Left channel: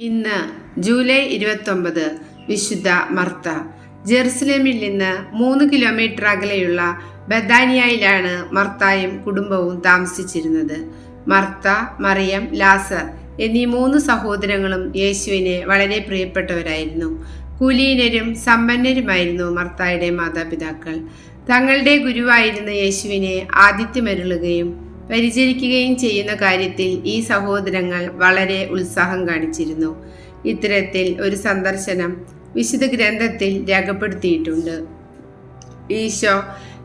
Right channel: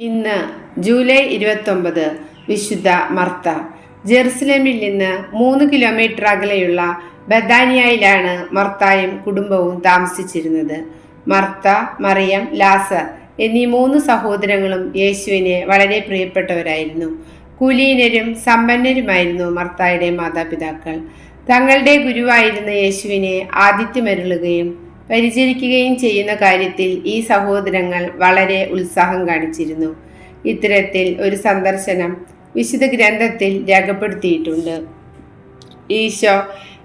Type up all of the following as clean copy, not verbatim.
ഇന്ന് ജൂലൈ 29 വിശുദ്ധ മർത്ത. ജെറുസലേമിൽ നിന്ന് 3 കിലോമീറ്റർ അകലെയുള്ള ബഥാനിയയിലാണ് മർത്തായും കുടുംബവും താമസിച്ചിരുന്നത്. മർത്ത, മറിയം, ലാസർ എന്നീ 3 സഹോദരങ്ങളും യേശുവിനെ വളരെ പ്രിയപ്പെട്ടവരായിരുന്നു. കുലീനരും സമ്പന്നരുമായിരുന്നു മർത്തായുടെ മാതാപിതാക്കൾ. തങ്ങളുടെ ഗുരുവായിരുന്ന യേശുവിനെ ആതിഥ്യമരുളുകയും പരിചരിക്കുകയും ചെയ്യുന്ന കാര്യത്തിൽ ഈ സഹോദരങ്ങൾ വളരെ ഉത്സാഹം കാണിച്ചിരുന്നു. ഇത്തരത്തിൽ ഒരു സന്ദർശനം വിശുദ്ധ ഗ്രന്ഥത്തിൽ രേഖപ്പെടുത്തിയിട്ടുണ്ട്. ഈശോ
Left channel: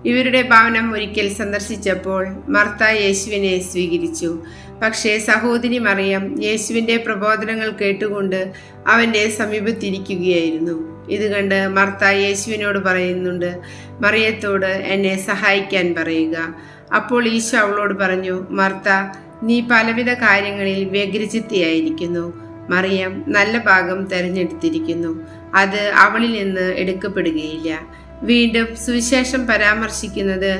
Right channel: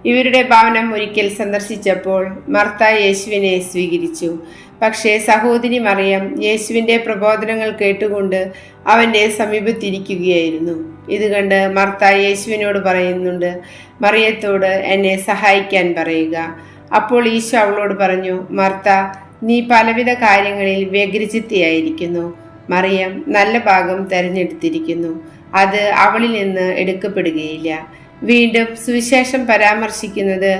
ഇവരുടെ ഭവനം ഒരിക്കൽ സന്ദർശിച്ചപ്പോൾ മർത്ത യേശുവിനെ സ്വീകരിച്ചു. പക്ഷേ സഹോദരി മറിയം യേശുവിൻ്റെ പ്രബോധനങ്ങൾ കേട്ടുകൊണ്ട് അവൻ്റെ സമീപത്തിരിക്കുകയായിരുന്നു. ഇത് കണ്ട് മർത്ത യേശുവിനോട് പറയുന്നുണ്ട്, മറിയത്തോട് എന്നെ സഹായിക്കാൻ പറയുക. അപ്പോൾ ഈശോ അവളോട് പറഞ്ഞു, മർത്ത, നീ പലവിധ കാര്യങ്ങളിൽ വ്യഗ്രചിത്തയായിരിക്കുന്നു. മറിയം നല്ല ഭാഗം തെരഞ്ഞെടുത്തിരിക്കുന്നു, അത് അവളിൽ നിന്ന് എടുക്കപ്പെടുകയില്ല. വീണ്ടും സുവിശേഷം പരാമർശിക്കുന്നത്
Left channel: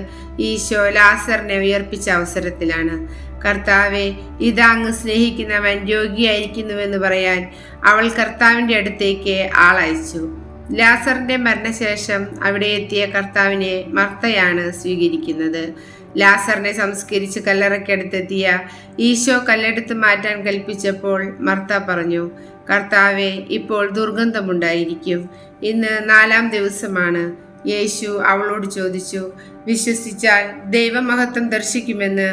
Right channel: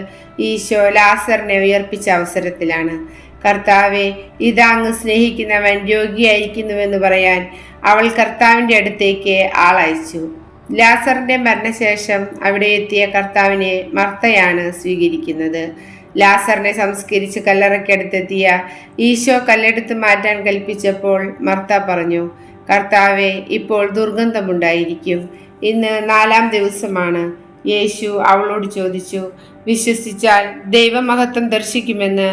ഈശോ ലാസറിനെ ഉയർപ്പിച്ച അവസരത്തിലാണ്. കർത്താവെ, ഇതാ അങ്ങ് സ്നേഹിക്കുന്നവൻ രോഗിയായിരിക്കുന്നുവെന്ന് പറയാൻ അവൾ കർത്താവിൻ്റെ അടുത്തേക്ക് ആളയച്ചു. ലാസറിന്റെ മരണശേഷം അവിടെ എത്തിയ കർത്താവിനെ മർത്തയാണ് സ്വീകരിക്കുന്നത്. ലാസറിനെ സംസ്കരിച്ച് കല്ലറയ്ക്കടുത്തെത്തിയ ഈശോ കല്ലെടുത്ത് മാറ്റാൻ കൽപ്പിച്ചപ്പോൾ മർത്ത പറഞ്ഞു, കർത്താവെ, ഇപ്പോൾ ദുർഗന്ധമുണ്ടായിരിക്കും, ഇന്ന് 4-ാം ദിവസമാണ്. യേശു അവളോട് ചോദിച്ചു, വിശ്വസിച്ചാൽ ദൈവമഹത്വം ദർശിക്കുമെന്ന്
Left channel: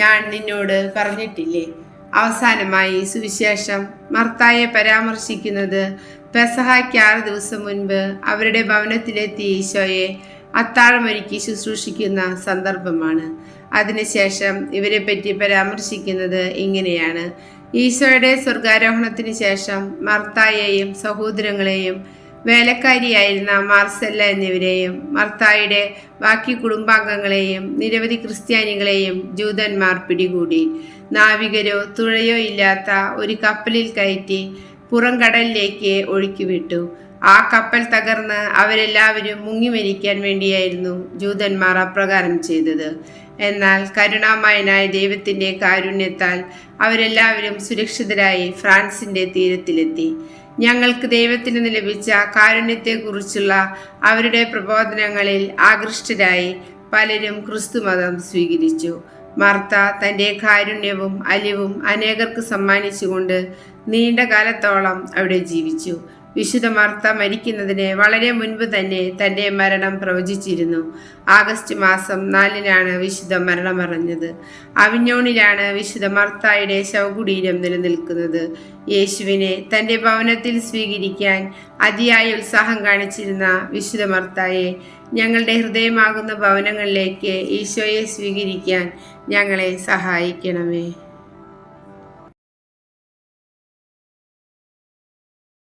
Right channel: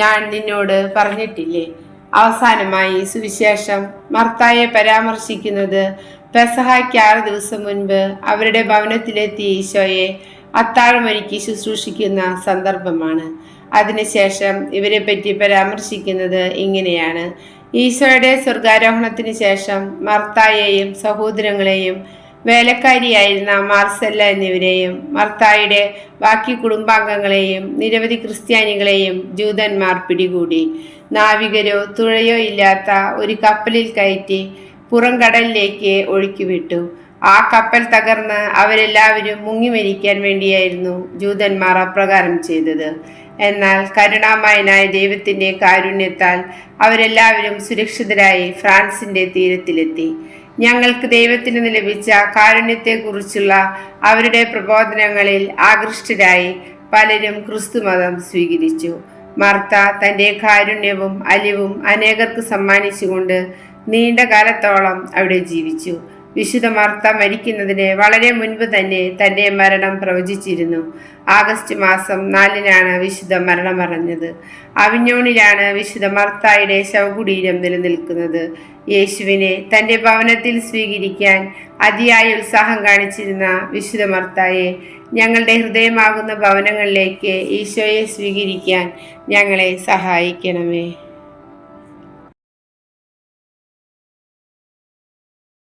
ഞാൻ നിന്നോട് പറഞ്ഞിട്ടില്ലേ? അവസാനമായി സുവിശേഷം മർത്തായെ പരാമർശിക്കുന്നത് പെസഹായ്ക്ക് 6 ദിവസം മുൻപ് അവരുടെ ഭവനത്തിലെത്തിയ ഈശോയെ അത്താഴമൊരുക്കി ശുശ്രൂഷിക്കുന്ന സന്ദർഭമാണ്. അതിനുശേഷം ഇവരെ പറ്റി പരാമർശിക്കുന്നത് ഇങ്ങനെയാണ്: ഈശോയുടെ സ്വർഗാരോഹണത്തിന് ശേഷം മർത്തായെയും സഹോദരങ്ങളെയും വേലക്കാരിയായിരുന്ന മാർസെല്ല എന്നിവരെയും മർത്തായുടെ ബാക്കി കുടുംബാംഗങ്ങളെയും നിരവധി ക്രിസ്ത്യാനികളെയും ജൂതന്മാർ പിടികൂടി. നാവികരോ തുഴയോ ഇല്ലാത്ത ഒരു കപ്പലിൽ കയറ്റി പുറംകടലിലേക്ക് ഒഴുക്കിവിട്ടു. ആ കപ്പൽ തകർന്ന് അവരെല്ലാവരും മുങ്ങി മരിക്കാൻ വേണ്ടിയായിരുന്നു ജൂതന്മാർ അപ്രകാരം ചെയ്തത്. എന്നാൽ കരുണാമയനായ ദൈവത്തിൻ്റെ കാരുണ്യത്താൽ അവരെല്ലാവരും സുരക്ഷിതരായി ഫ്രാൻസിൻ്റെ തീരത്തിലെത്തി. ഞങ്ങൾക്ക് ദൈവത്തിൽ നിന്ന് ലഭിച്ച കാരുണ്യത്തെക്കുറിച്ചുള്ള അവരുടെ പ്രബോധനങ്ങളിൽ ആകൃഷ്ടരായി പലരും ക്രിസ്തുമതം സ്വീകരിച്ചു. മർത്ത തൻ്റെ കാരുണ്യവും അലിവും അനേകർക്ക് സമ്മാനിച്ചുകൊണ്ട് നീണ്ട കാലത്തോളം അവിടെ ജീവിച്ചു. വിശുദ്ധ മർത്ത മരിക്കുന്നതിന് വളരെ മുൻപ് തന്നെ തൻ്റെ മരണം പ്രവചിച്ചിരുന്നു. ആഗസ്റ്റ് മാസം 4-നാണ് വിശുദ്ധ മരണമടഞ്ഞത്. അവിഞ്ഞോണിലാണ് വിശുദ്ധ മർത്തായുടെ ശവകുടീരം നിലനിൽക്കുന്നത്. യേശുവിനെ തൻ്റെ ഭവനത്തിൽ സ്വീകരിക്കാൻ അതിയായ ഉത്സാഹം കാണിച്ചിരുന്ന വിശുദ്ധ മർത്തായെ ഞങ്ങളുടെ ഹൃദയമാകുന്ന ഭവനങ്ങളിലേക്ക് ഈശോയെ സ്വീകരിക്കാൻ ഞങ്ങളെ സഹായിക്കണമേ.